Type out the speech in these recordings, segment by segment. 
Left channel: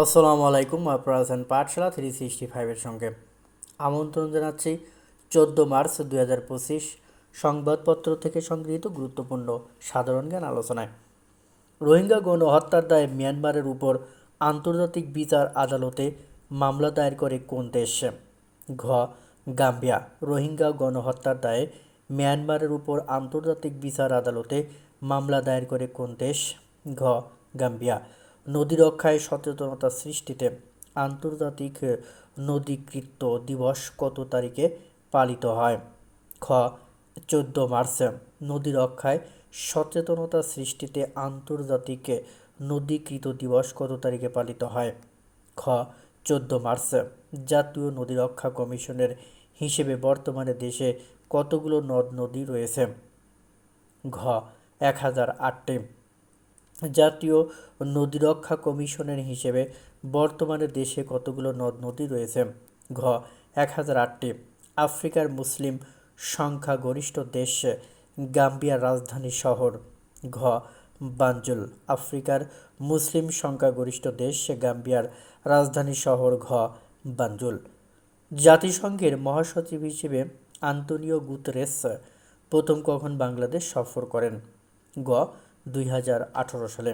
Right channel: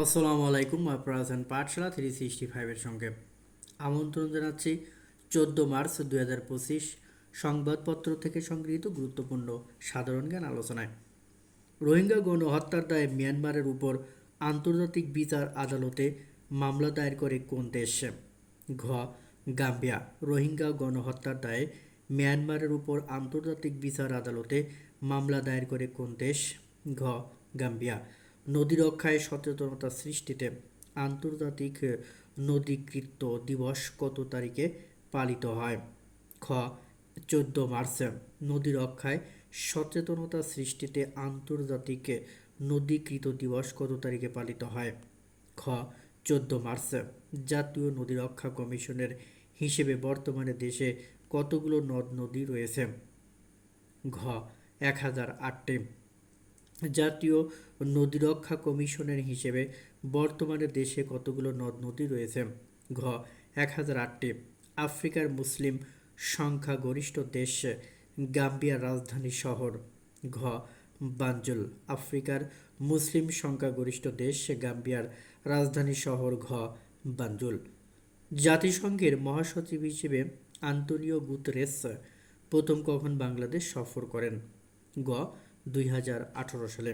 আসসালামু আলাইকুম, আপনারা পাঠশালা থ্রি সিক্সটি ফাইভের সঙ্গে। আমন্ত্রণ জানাচ্ছি চোদ্দ মার্চ দুই হাজার পঁচিশ সংবাদপত্র থেকে সংগৃহীত গুরুত্বপূর্ণ সাধারণ জ্ঞান আলোচনায়। রোহিঙ্গা গণহত্যার দায়ে মিয়ানমারের উপর আন্তর্জাতিক বিচার আদালতে মামলা দায়ের করে কোন দেশ? ঘ. গাম্বিয়া। রোহিঙ্গা গণহত্যার দায়ে মিয়ানমারের উপর আন্তর্জাতিক বিচার আদালতে মামলা দায়ের করে কোন দেশ? ঘ. গাম্বিয়া। নদী রক্ষায় সচেতনতা সৃষ্টিতে আন্তর্জাতিক নদীকৃত্য দিবস কত তারিখে পালিত হয়? খ, চোদ্দ মার্চ। নদী রক্ষায় সচেতনতা সৃষ্টিতে আন্তর্জাতিক নদীকৃত দিবস কত তারিখে পালিত হয়? খ, চোদ্দ মার্চ। জাতীয় নদী রক্ষা কমিশনের হিসেবে বর্তমানে দেশে কতগুলো নদ নদী রয়েছে? ঘ, এক হাজার আটটি। জাতীয় নদী রক্ষা কমিশনের হিসেবে বর্তমানে দেশে কতগুলো নদ নদী রয়েছে? ঘ এক হাজার আটটি। আফ্রিকার মুসলিম সংখ্যাগরিষ্ঠ দেশ গাম্বিয়ার রাজধানী শহর। ঘ, বাঞ্জুল। আফ্রিকার মুসলিম সংখ্যাগরিষ্ঠ দেশ গাম্বিয়ার রাজধানী শহর। ঘ, বাঞ্জুল। জাতিসংঘের মহাসচিব হিসেবে আন্তনিও গুতরেস প্রথম কখন বাংলাদেশ সফর করেন? গ দুই হাজার আঠারো সালে।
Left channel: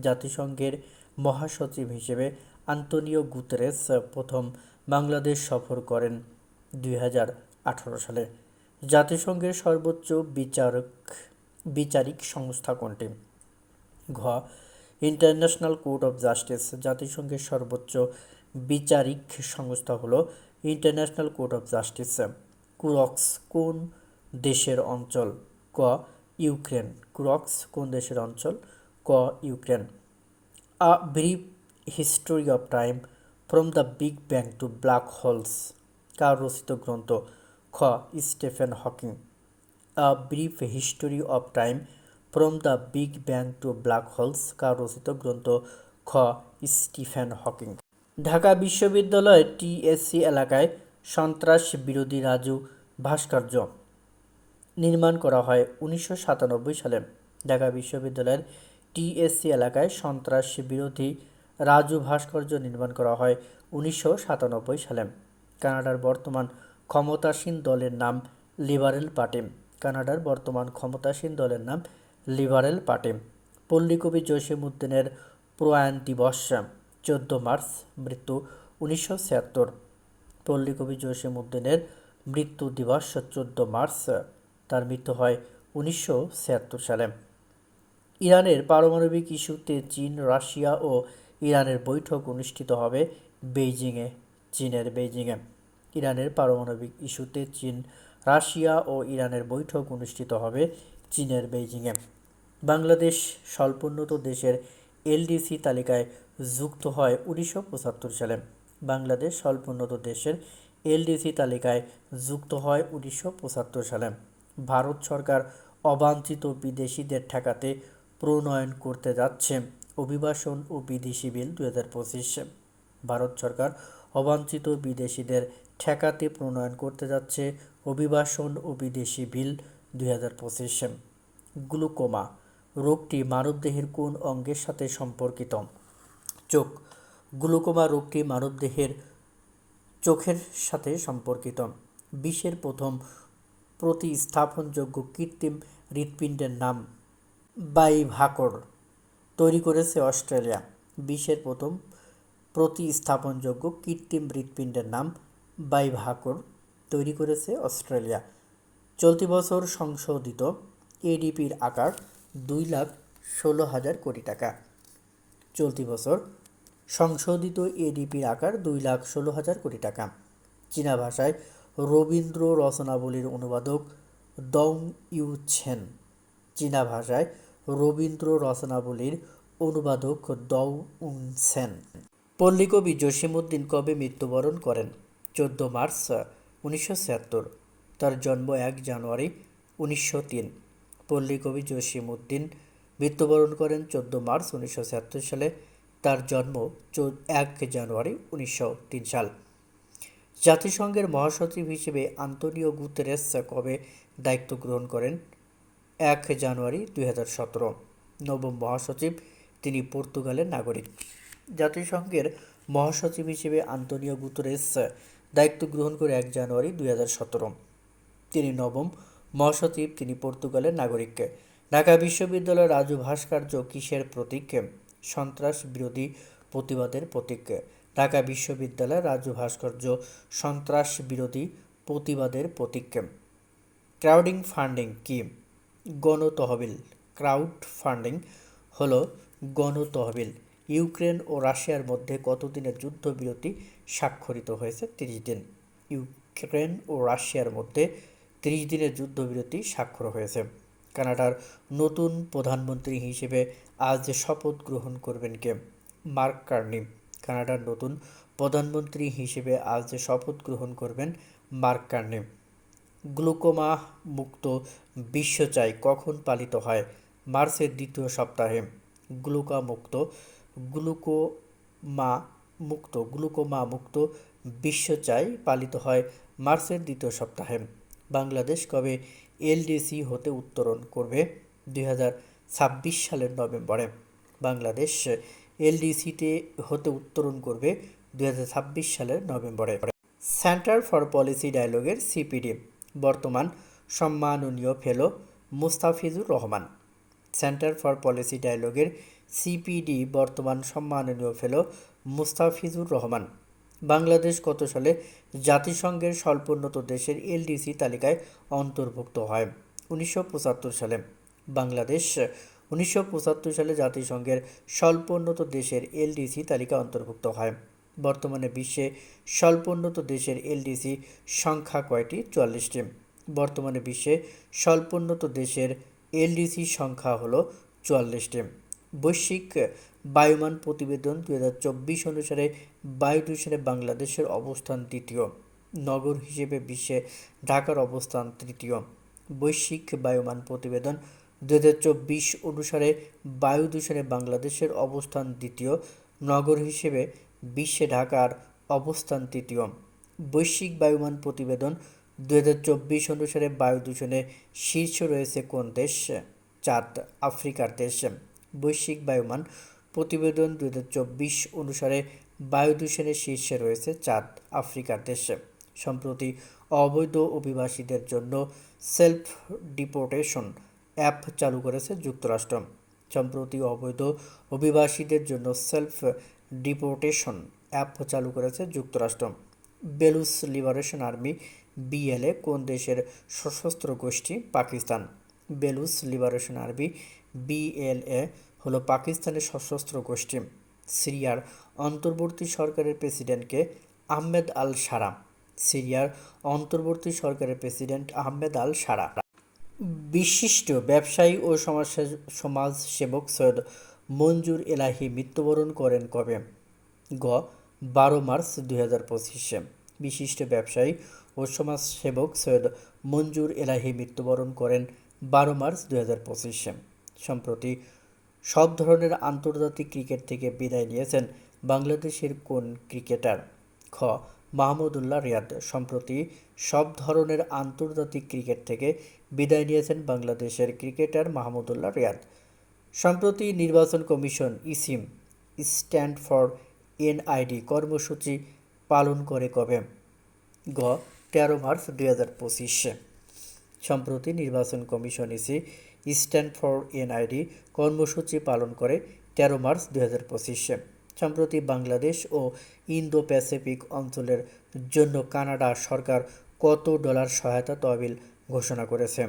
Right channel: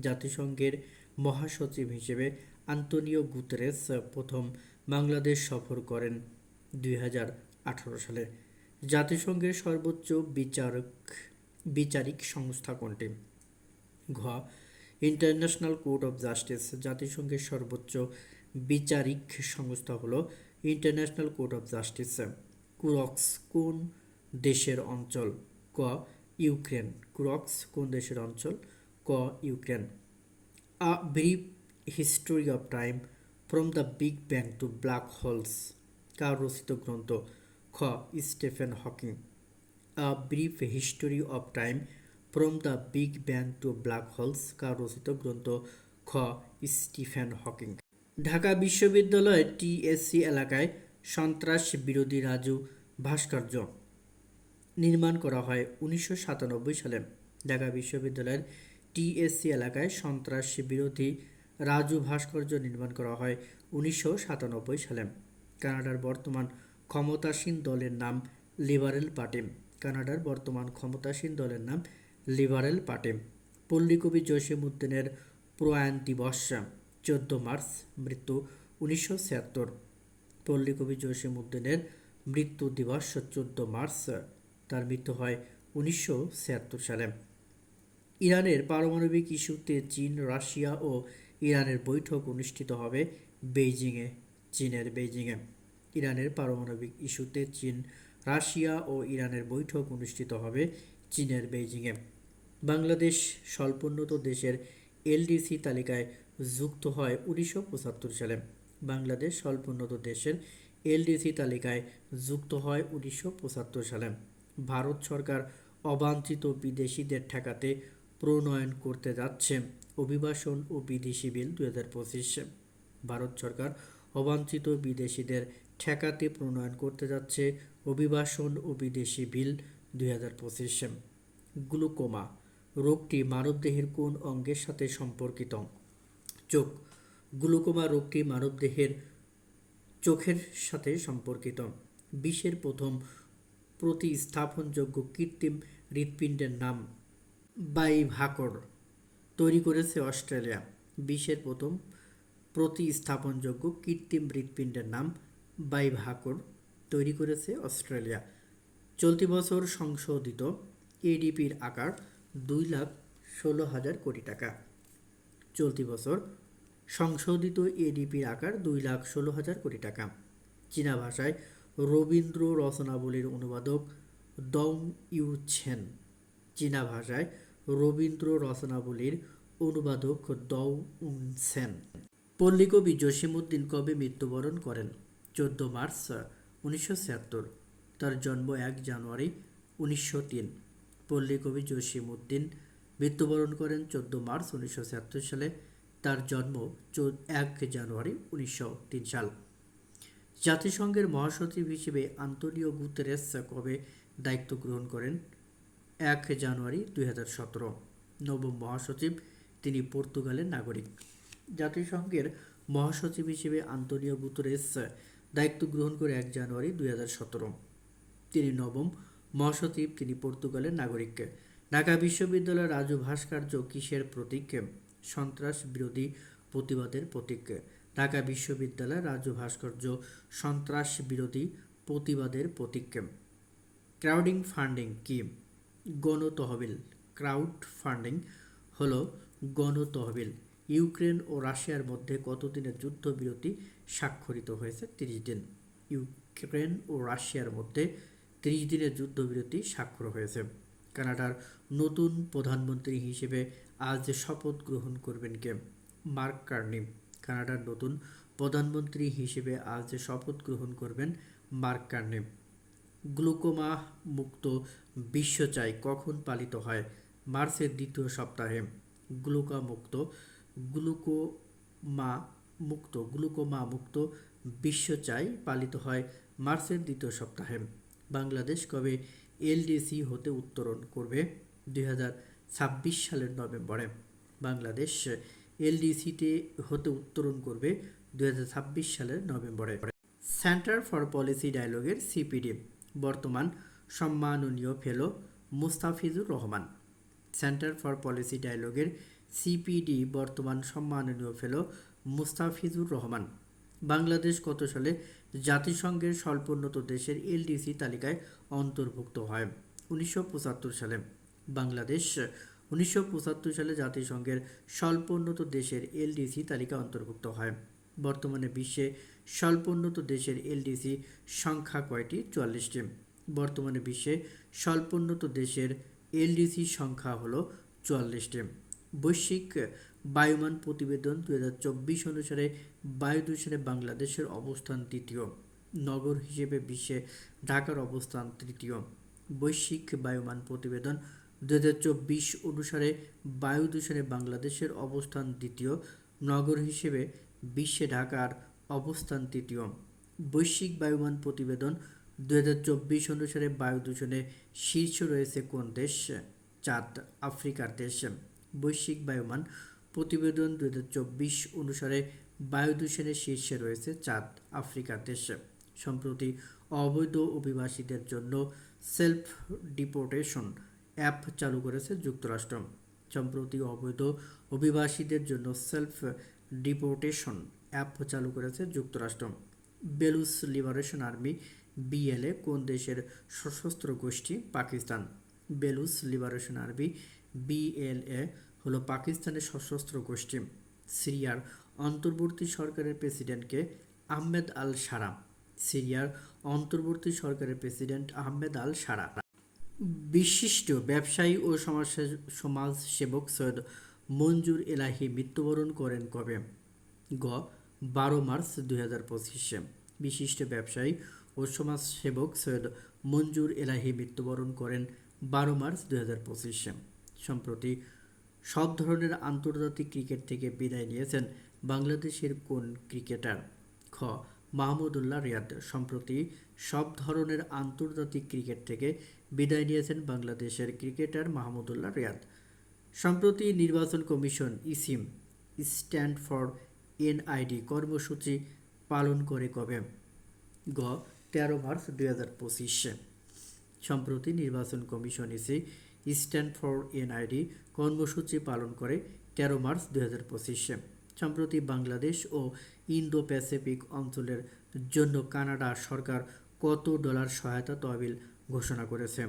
জাতিসংঘের মহাসচিব হিসেবে আন্তনিও গুতরেস প্রথম বাংলাদেশ সফর করেন দুই হাজার আঠারো সালে। জাতিসংঘের সর্বোচ্চ বিচারক, বিচারিক সংস্থা কোনটি? ঘ. International Court of Justice. জাতিসংঘের সর্বোচ্চ বিচারিক সংস্থা হলো International Court of Justice, Kursk, কোন দেশের অঞ্চল? ক. ইউক্রেন, ক্রক্স কোন দেশের অঞ্চল? ক, Ukraine. A brief history of time from the big bang to black holes কার রচিত গ্রন্থ? খ, Stephen Hawking. A brief history of time from the big bang to black holes কার রচিত গ্রন্থ? খ, স্টিফেন হকিং। ঢাকা বিশ্ববিদ্যালয় টিএসসি এলাকায় সন্ত্রাস বিরোধী রাজু ভাস্কর্য। নির্মাণ করা হয় উনিশশো সাতানব্বই সালে। ঢাকা বিশ্ববিদ্যালয়ের টিএসসি এলাকায় সন্ত্রাস বিরোধী রাজু ভাস্কর্য নির্মাণ করা হয় উনিশশো সাতানব্বই সালে। কানাডার বর্তমান ক্ষমতাসীন দলের নাম লিবারেল পার্টি। কানাডার বর্তমান ক্ষমতাসীন দলের নাম লিবারেল পার্টি। পল্লীকবি জসিমউদ্দিনের প্রয়াণ দিবস, চোদ্দ মার্চ, মৃত্যু উনিশশো ছিয়াত্তর। পল্লীকবি জসিমউদ্দিনের মৃত্যু দিবস, চোদ্দ মার্চ তার মৃত্যু হয় উনিশশো ছিয়াত্তর সালে। ইরানের পারমাণবিক ইস্যুতে চীন, রাশিয়া ও ইরানের বৈঠক অনুষ্ঠিত হবে বেইজিংয়ে, চীনের বেইজিংয়ে। ইরানের পারমাণবিক ইস্যুতে চীন, রাশিয়া ও ইরানের বৈঠক অনুষ্ঠিত হবে চীনের বেইজিংয়ে। বাংলাদেশ স্বল্পোন্নত দেশের এলডিসি তালিকায় যুক্ত হয় উনিশশো পঁচাত্তর সালে। বাংলাদেশ স্বল্পোন্নত দেশের এলডিসি তালিকায় যুক্ত হয় উনিশশো পঁচাত্তর সালে। ভারত সরকার অবাঞ্ছিত বিদেশিদের ঠেকাতে প্রণয়ন করতে যাচ্ছে। অভিবাসন ও বিদেশি বিল দু ভারত সরকার অবাঞ্ছিত বিদেশিদের ঠেকাতে প্রণয়ন করতে যাচ্ছে অভিবাসন ও বিদেশি বিল দুই হাজার পঁচিশে। গ্লুকোমা, রোগটি মানবদেহের কোন অঙ্গের সাথে সম্পর্কিত? চোখ, গ্লুকোমা রোগটি মানবদেহের চোখের সাথে সম্পর্কিত। বিশ্বের প্রথম প্রতিস্থাপনযোগ্য কৃত্রিম হৃৎপিণ্ডের নাম বাইভাকর। তৈরি করেছে অস্ট্রেলিয়া। বিশ্বের প্রথম প্রতিস্থাপনযোগ্য কৃত্রিম হৃৎপিণ্ডের নাম বাইভাকর। তৈরি করেছে অস্ট্রেলিয়া। চলতি বছর সংশোধিত এডিপির আকার দুই লাখ ষোলো হাজার কোটি টাকা। চলতি বছর সংশোধিত এডিপির আকার দুই লাখ ষোলো হাজার কোটি টাকা। চীনা ভাষায় রবীন্দ্র রচনাবলীর অনুবাদক দং ইউ ছেন। চীনা ভাষায় রবীন্দ্র রচনাবলীর অনুবাদক দৌ উন সেন। পল্লীকবি জসিমউদ্দিন কবে মৃত্যুবরণ করেন? চোদ্দ মার্চ উনিশশো ছিয়াত্তর। তার জন্ম এক জানুয়ারি উনিশশো তিন। পল্লীকবি জসিমউদ্দিন মৃত্যুবরণ করেন চোদ্দ মার্চ উনিশশো ছিয়াত্তর সালে। তার জন্ম এক জানুয়ারি উনিশশো তিন সাল। জাতিসংঘের মহাসচিব হিসেবে আন্তনিও গুতেরেস কবে দায়িত্ব গ্রহণ করেন? এক জানুয়ারি দুই হাজার সতেরো। নবম মহাসচিব, তিনি পর্তুগালের নাগরিক। জাতিসংঘের মহাসচিব হিসেবে আন্তোনিও গুতরেস দায়িত্ব গ্রহণ করে এক জানুয়ারি দুই হাজার সতেরো। তিনি নবম মহাসচিব, তিনি পর্তুগালের নাগরিক। ঢাকা বিশ্ববিদ্যালয়ের রাজু ভাস্কর্য কিসের প্রতীক? সন্ত্রাস বিরোধী প্রতিবাদের প্রতীক। ঢাকা বিশ্ববিদ্যালয়ের রাজু ভাস্কর্য সন্ত্রাস বিরোধী প্রতিবাদের প্রতীক ক্রাউডিং ফান্ডিং কি? গণতহবিল। ক্রাউড ফান্ডিং হলো গণতহবিল। ইউক্রেন ও রাশিয়ার মধ্যে কতদিনের যুদ্ধবিরতি স্বাক্ষরিত হয়েছে? তিরিশ দিন। ইউক্রেন ও রাশিয়ার মধ্যে তিরিশ দিনের যুদ্ধবিরতি স্বাক্ষর হয়েছে। কানাডার নতুন প্রধানমন্ত্রী হিসেবে আজ শপথ গ্রহণ করবেন কে? Mark Carney. কানাডার নতুন প্রধানমন্ত্রী হিসেবে আজ শপথ গ্রহণ করবেন মার্ক কার্নি। গ্লুকোমা মুক্ত বিশ্ব চাই কখন পালিত হয়? মার্চের দ্বিতীয় সপ্তাহে গ্লুকা মুক্ত, গ্লুকোমা মুক্ত গ্লুকোমা মুক্ত বিশ্ব চাই পালিত হয় মার্চের দ্বিতীয় সপ্তাহে। বাংলাদেশ কবে এলডিসি হতে উত্তরণ করবে? দুই সালের নভেম্বরে। বাংলাদেশ এলডিসিতে হতে উত্তরণ করবে ছাব্বিশ সালের নভেম্বরে। সেন্টার ফর পলিসি ডায়ালগের সিপিডি বর্তমান সম্মাননীয় fellow Mustafizur Rahman. Centre for Policy ডায়ালগের CPD বর্তমান সম্মাননীয় ফেলো মুস্তাফিজুর রহমান। বাংলাদেশ কত সালে জাতিসংঘের স্বল্পোন্নত দেশের এলডিসি তালিকায় অন্তর্ভুক্ত হয়। উনিশশো পঁচাত্তর সালে বাংলাদেশ উনিশশো পঁচাত্তর সালে জাতিসংঘের স্বল্পোন্নত দেশের এলডিসি তালিকা অন্তর্ভুক্ত হয়। বর্তমানে বিশ্বে স্বল্পোন্নত দেশের এলডিসি সংখ্যা কয়টি? চুয়াল্লিশটি। বর্তমানে বিশ্বে স্বল্পোন্নত দেশের এলডিসি সংখ্যা হলো চুয়াল্লিশটি। বৈশ্বিক বায়ুমান প্রতিবেদন দু হাজার চব্বিশ অনুসারে বায়ু দূষণে বাংলাদেশের অবস্থান তৃতীয় নগর হিসেবে বিশ্বে ঢাকার অবস্থান তৃতীয়। বৈশ্বিক বায়ুমান প্রতিবেদন দু হাজার চব্বিশ অনুসারে বায়ু দূষণে বাংলাদেশের অবস্থান দ্বিতীয়, নগর হিসেবে বিশ্বে ঢাকার অবস্থান তৃতীয়। বৈশ্বিক বায়ুমান প্রতিবেদন দু হাজার চব্বিশ অনুসারে বায়ু দূষণে শীর্ষ রয়েছে কোন দেশ? চাঁদ, আফ্রিকার দেশ। বৈশ্বিক বায়ুমান প্রতিবেদন দু হাজার চব্বিশ অনুসারে বায়ু দূষণের শীর্ষে রয়েছে চাঁদ, আফ্রিকার দেশ। সম্প্রতি অবৈধ অভিবাসীদের জন্য সেলফ ডিপোর্টেশন অ্যাপ চালু করেছে যুক্তরাষ্ট্র। সম্প্রতি অবৈধ অভিবাসীদের জন্য সেলফ ডিপোর্টেশন অ্যাপ চালু করেছে যুক্তরাষ্ট্র। বেলুস লিবারেশন আর্মি, বিএলএ, কোন দেশের সশস্ত্র গোষ্ঠী? Pakistan. Baloch liberation army, BLA, হলো পাকিস্তানের সশস্ত্র গোষ্ঠী। সিরিয়ার অন্তর্বর্তী সরকারের প্রেসিডেন্টকে আহমেদ আল সারা। সিরিয়ার অন্তর্বর্তী সরকারের প্রেসিডেন্ট আহমেদ আল সারা। বিশিষ্ট ব্যবসায়ী ও সমাজ সমাজসেবক সৈয়দ মঞ্জুর এলাহি মৃত্যুবরণ করেন কবে? গ, বারো মার্চ দুই হাজার পঁচিশে। বিশিষ্ট ব্যবসায়ী ও সমাজসেবক সৈয়দ মঞ্জুর এলাহি মৃত্যুবরণ করেন বারো মার্চ দুই হাজার পঁচিশে। সম্প্রতি সব ধরনের আন্তর্জাতিক ক্রিকেট থেকে বিদায় নিয়েছেন বাংলাদেশের কোন ক্রিকেটার? খ, মাহমুদুল্লাহ রিয়াদ। সম্প্রতি সব ধরনের আন্তর্জাতিক ক্রিকেট থেকে বিদায় নিয়েছেন বাংলাদেশের ক্রিকেটার মাহমুদুল্লাহ রিয়াদ। সম্প্রতি নির্বাচন কমিশন ইসিম স্ট্যান্ড ফর এনআইডি কর্মসূচি পালন করে কবে? গ, তেরো মার্চ দুই হাজার পঁচিশে। সম্প্রতি নির্বাচন commission EC stand for NID কর্মসূচি পালন করে তেরো মার্চ দুই হাজার পঁচিশে। সম্প্রতি বাংলাদেশ ও ইন্দো প্যাসিফিক অঞ্চলের জন্য কানাডা সরকার কত ডলার সহায়তা তহবিল ঘোষণা করেছে।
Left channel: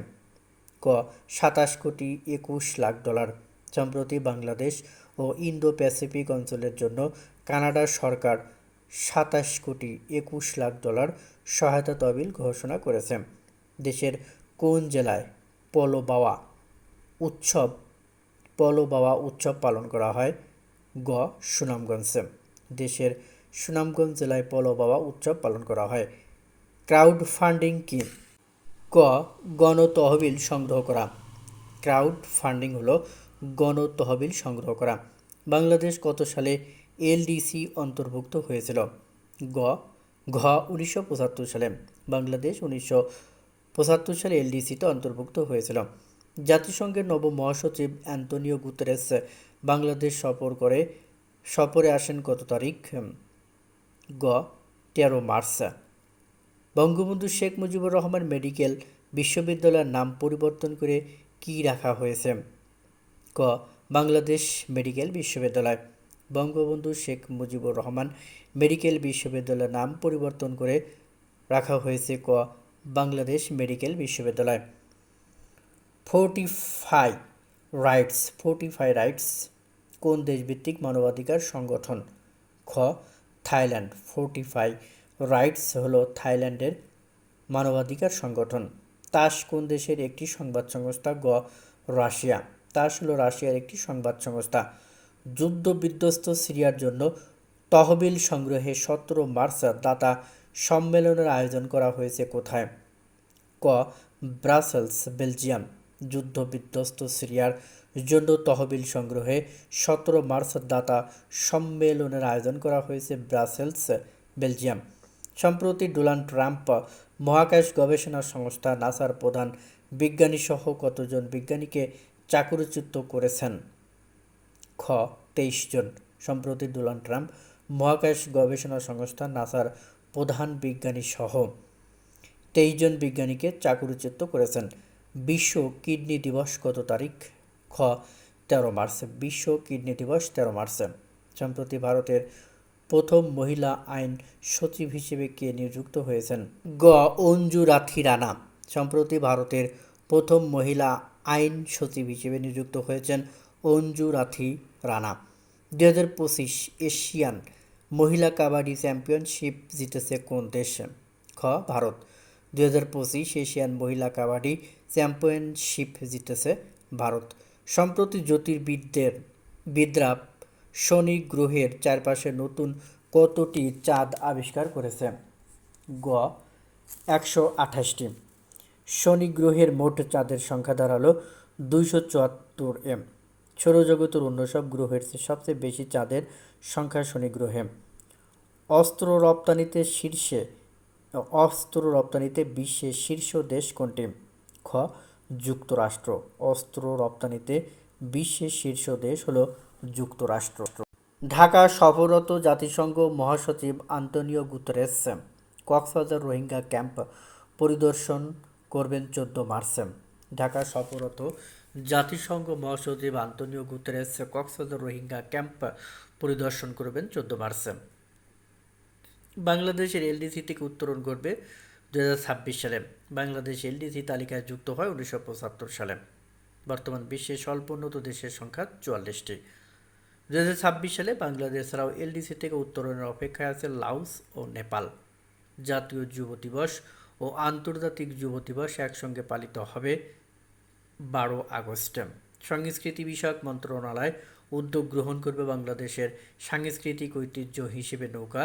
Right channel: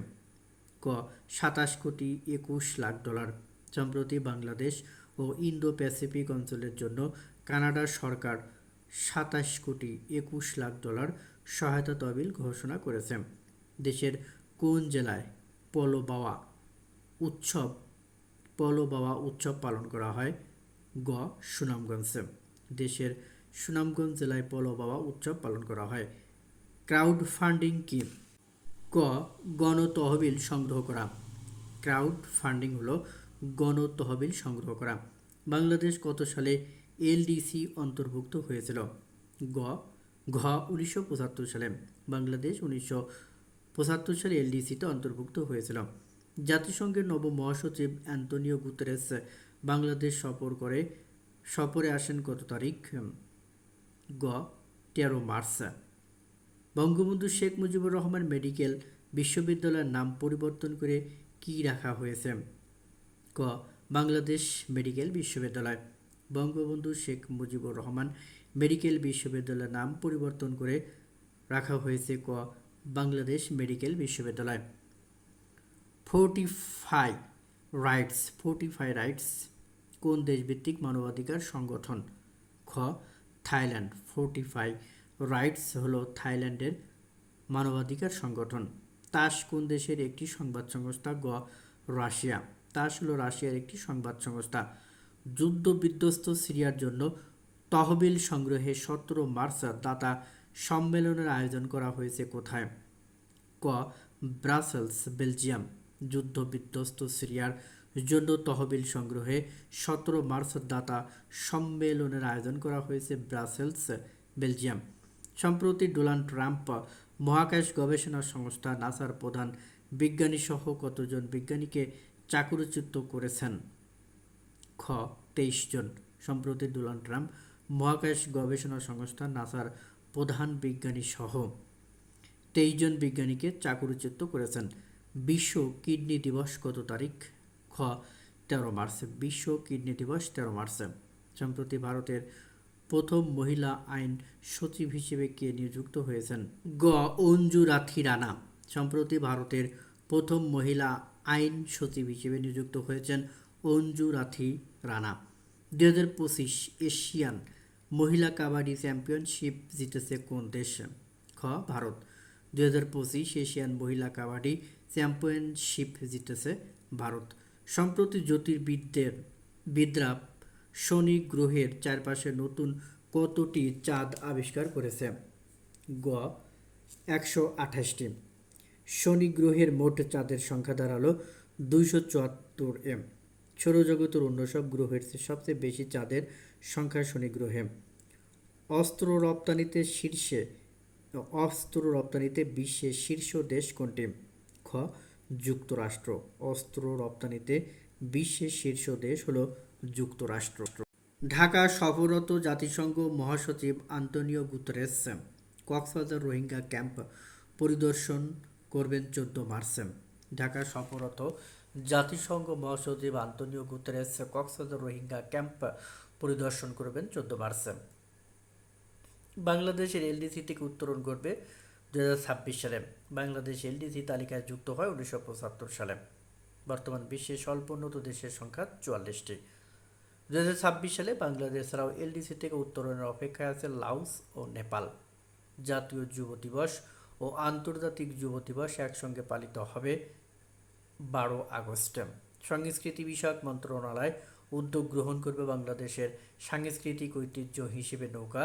ক, সাতাশ কোটি একুশ লাখ ডলার সম্প্রতি বাংলাদেশ ও ইন্দো প্যাসিফিক অঞ্চলের জন্য কানাডা সরকার সাতাশ কোটি একুশ লাখ ডলার সহায়তা তহবিল ঘোষণা করেছে। দেশের কোন জেলায় পলো বাওয়া উৎসব, পলো বাওয়া উৎসব পালন করা হয়? গ, সুনামগঞ্জে। দেশের সুনামগঞ্জ জেলায় পলো বাবা উৎসব পালন করা হয়। ক্রাউড ফান্ডিং কি? ক, গণতহবিল সংগ্রহ করা। ক্রাউড ফান্ডিং হলো গণতহবিল সংগ্রহ করা। বাংলাদেশ কত সালে এলডিসি অন্তর্ভুক্ত হয়েছিল? গ, ঘ উনিশশো পঁচাত্তর সালে। বাংলাদেশ উনিশশো পঁচাত্তর সালে এলডিসিতে অন্তর্ভুক্ত হয়েছিল। জাতিসংঘের নব মহাসচিব অ্যান্তনিও গুতেরেস বাংলাদেশ সফর করে, সফরে আসেন কত তারিখ? গ, তেরো মার্চ। বঙ্গবন্ধু শেখ মুজিবুর রহমান মেডিকেল বিশ্ববিদ্যালয়ের নাম পরিবর্তন করে কি রাখা হয়েছে? ক, বাংলাদেশ মেডিকেল বিশ্ববিদ্যালয়। বঙ্গবন্ধু শেখ মুজিবুর রহমান মেডিকেল বিশ্ববিদ্যালয়ের নাম পরিবর্তন করে রাখা হয়েছে ক, বাংলাদেশ মেডিকেল বিশ্ববিদ্যালয়। ফোর্টিফাই রাইটস ফোর্টিফাই রাইটস, কোন দেশভিত্তিক মানবাধিকার সংগঠন? খ, থাইল্যান্ড ফোর্টিফাই রাইটস হলো থাইল্যান্ডের মানবাধিকার সংগঠন। তাস কোন দেশের একটি সংবাদ সংস্থা? গ, রাশিয়া। তাস হলো রাশিয়ার একটি সংবাদ সংস্থা। যুদ্ধ বিধ্বস্ত সিরিয়ার জন্য তহবিল সংগ্রহে সতেরো মার্চ দাতা সম্মেলনের আয়োজন করা হয়েছে কোথায়? ক, ব্রাসেলস, বেলজিয়াম। যুদ্ধ বিধ্বস্ত সিরিয়ার জন্য তহবিল সংগ্রহে সতেরো মার্চ দাতা সম্মেলনের আয়োজন করা হয়েছে ব্রাসেলস, বেলজিয়াম। সম্প্রতি ডোনাল্ড ট্রাম্প মহাকাশ গবেষণা সংস্থা নাসার প্রধান বিজ্ঞানী সহ কতজন বিজ্ঞানীকে চাকরিচ্যুত করেছেন? খ, তেইশ জন। সম্প্রতি ডোনাল্ড ট্রাম্প মহাকাশ গবেষণা সংস্থা নাসার প্রধান বিজ্ঞানী সহ তেইশ জন বিজ্ঞানীকে চাকরিচ্যুত করেছেন। বিশ্ব কিডনি দিবস কত তারিখ? খ, তেরো মার্চ। বিশ্ব কিডনি দিবস তেরো মার্চ। সম্প্রতি ভারতের প্রথম মহিলা আইন সচিব হিসেবে কে নিযুক্ত হয়েছেন? গ. অঞ্জু রাথি রানা। সম্প্রতি ভারতের প্রথম মহিলা আইন সচিব হিসেবে নিযুক্ত হয়েছেন অঞ্জু রাথি রানা। দু হাজার পঁচিশ এশিয়ান মহিলা কাবাডি চ্যাম্পিয়নশিপ জিতেছে কোন দেশ? খ. ভারত। দু হাজার পঁচিশ এশিয়ান মহিলা কাবাডি চ্যাম্পিয়নশিপ জিতেছে ভারত। সম্প্রতি জ্যোতির্বিদদের বিদ্রা শনি গ্রহের চারপাশে নতুন কতটি চাঁদ আবিষ্কার করেছে? গ, একশো আঠাশটি। শনি গ্রহের মোট চাঁদের সংখ্যা দাঁড়াল দুইশো চুয়াত্তর এম। সৌরজগতের অন্য সব গ্রহের চেয়ে সবচেয়ে বেশি চাঁদের সংখ্যা শনি গ্রহে। অস্ত্র রপ্তানিতে শীর্ষে, অস্ত্র রপ্তানিতে বিশ্বের শীর্ষ দেশ কোনটি? খ, যুক্তরাষ্ট্র। অস্ত্র রপ্তানিতে বিশ্বের শীর্ষ দেশ হলো যুক্তরাষ্ট্র। ঢাকা সফররত জাতিসংঘ মহাসচিব Antonio Guterres Cox's Bazar Rohingya camp পরিদর্শন করবেন চোদ্দ মার্চ। ঢাকা সফররত জাতিসংঘ মহাসচিব Antonio Guterres Cox's Bazar Rohingya camp পরিদর্শন করবেন চোদ্দ মার্চ। বাংলাদেশের এলডিসি থেকে উত্তরণ করবে দুই হাজার ছাব্বিশ সালে। বাংলাদেশ এলডিসি তালিকায় যুক্ত হয় উনিশশো পঁচাত্তর সালে। বর্তমান বিশ্বের স্বল্পোন্নত দেশের সংখ্যা চুয়াল্লিশটি। দু ছাব্বিশ সালে বাংলাদেশ ছাড়াও এলডিসি থেকে উত্তরণের অপেক্ষায় আছে লাউস ও নেপাল। জাতীয় যুব দিবস ও আন্তর্জাতিক যুব দিবস একসঙ্গে পালিত হবে বারো আগস্ট। সংস্কৃতি বিষয়ক মন্ত্রণালয় উদ্যোগ গ্রহণ করবে বাংলাদেশের সাংস্কৃতিক ঐতিহ্য হিসেবে নৌকা,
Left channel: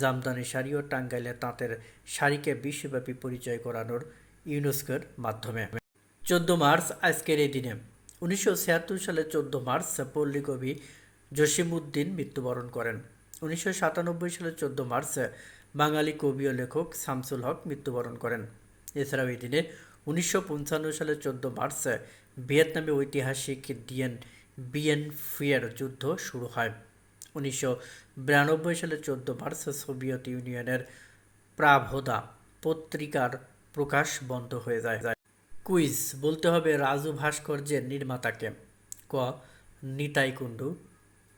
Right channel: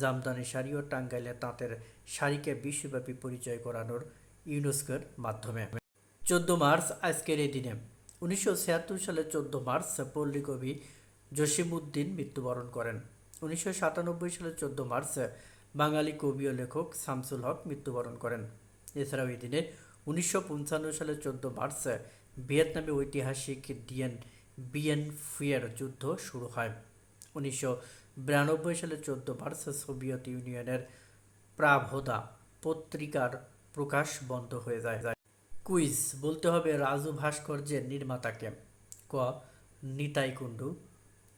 জামদানি শাড়ি ও টাঙ্গাইলে তাঁতের শাড়িকে বিশ্বব্যাপী পরিচয় করানোর ইউনেস্কোর মাধ্যমে। চোদ্দ মার্চ আজকের এই দিনে। উনিশশো ছিয়াত্তর সালে চোদ্দ মার্চ পল্লী কবি জসিমউদ্দিন মৃত্যুবরণ করেন। উনিশশো সাতানব্বই সালে চোদ্দ মার্চ বাঙালি কবি ও লেখক শামসুল হক মৃত্যুবরণ করেন। এছাড়াও এই দিনে উনিশশো পঞ্চান্ন সালে চোদ্দ মার্চ ভিয়েতনামে ঐতিহাসিক ডিএন, বিএন ফুয়ের যুদ্ধ শুরু হয়। উনিশশো বিরানব্বই সালে চোদ্দ মার্চ সোভিয়েত ইউনিয়নের প্রাভোদা পত্রিকার প্রকাশ বন্ধ হয়ে যায়। কুইজ, বলতে হবে রাজু ভাস্কর্যের নির্মাতাকে। ক, নিতাই কুণ্ডু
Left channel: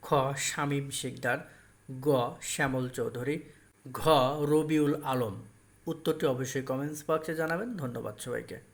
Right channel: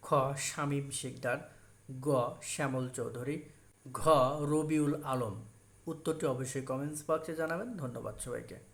খ শামীম শিকদার গ, শ্যামল চৌধুরী, ঘ, রবিউল আলম। উত্তরটি অবশ্যই কমেন্টস বক্সে জানাবেন। ধন্যবাদ সবাইকে।